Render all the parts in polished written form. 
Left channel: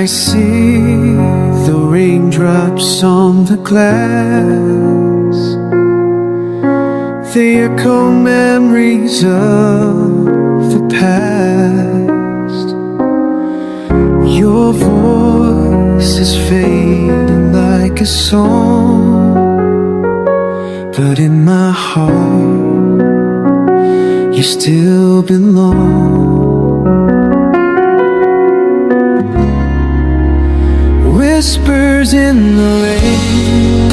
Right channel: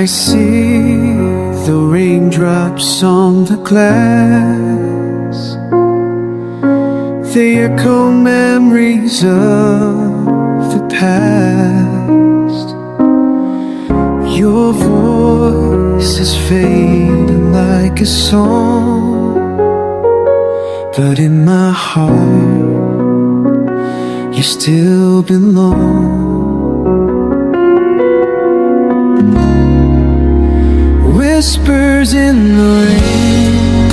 I see the raindrops on the glass, they echo memories of the past. Your voice is fading like a song, but in my heart you still belong. Whispers in the rain,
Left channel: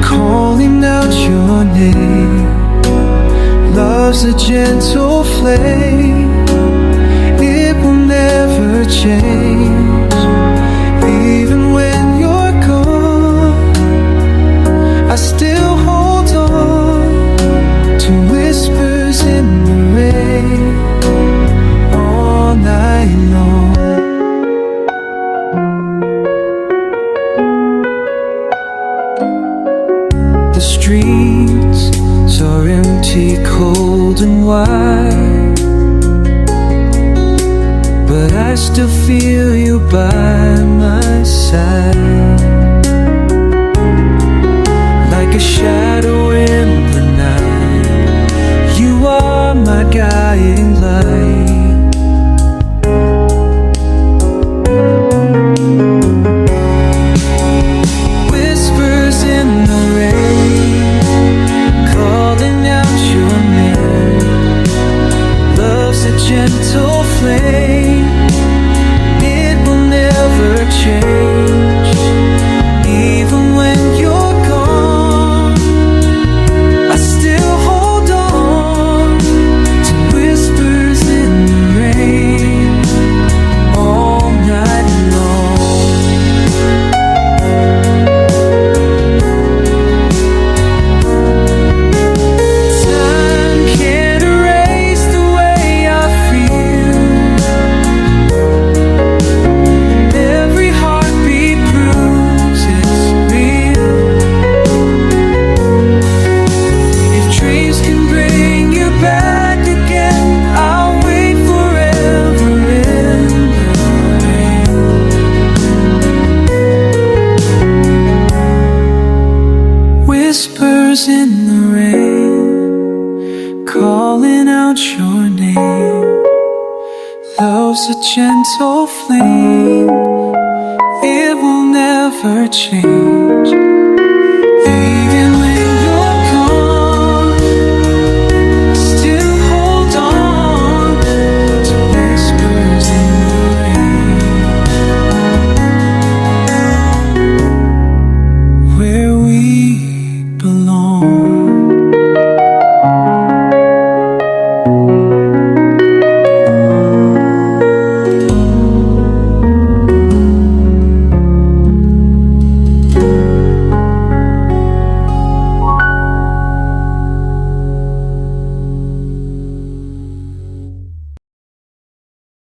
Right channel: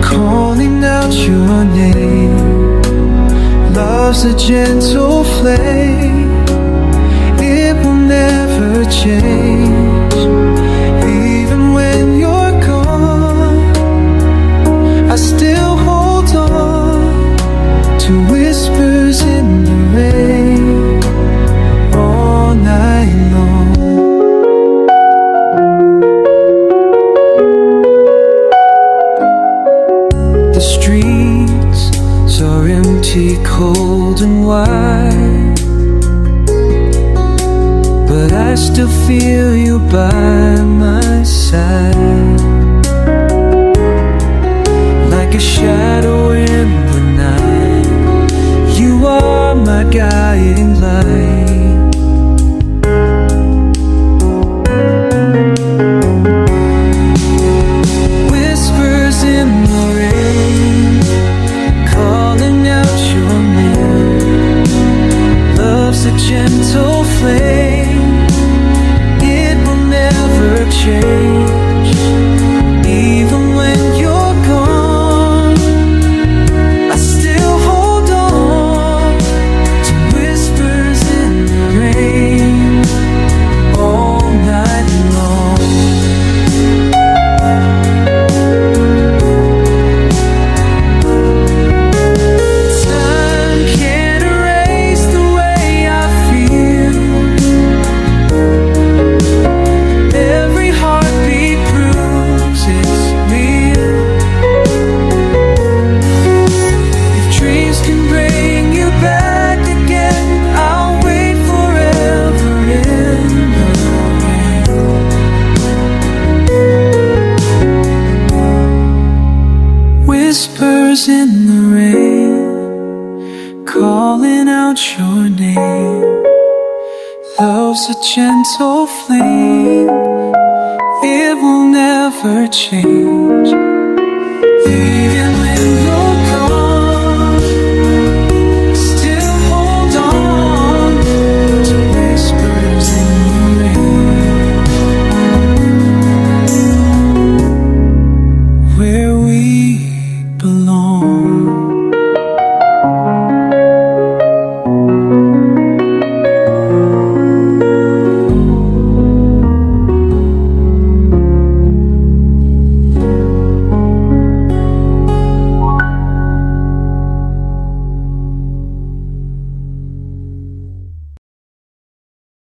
calling out your name. Love's a gentle flame, it will never change. Even when you're gone, I still hold on to whispers in the rain all night long. The streets are empty, cold and wide, but I still feel you by my side, like a shadow in the night. You are my guiding light. Whispers in the rain, calling out your name. Love's a gentle flame, it will never change. Even when you're gone, I still hold on to whispers in the rain all night long. Time can't erase the way I feel. Every heartbeat proves it's real. If dreams can bring you back again, I'll wait forever in the rain. Whispers in the rain, calling out your name. Love's a gentle flame, it will never change. Even when you're gone, still hold on to whispers in the rain, where we belong.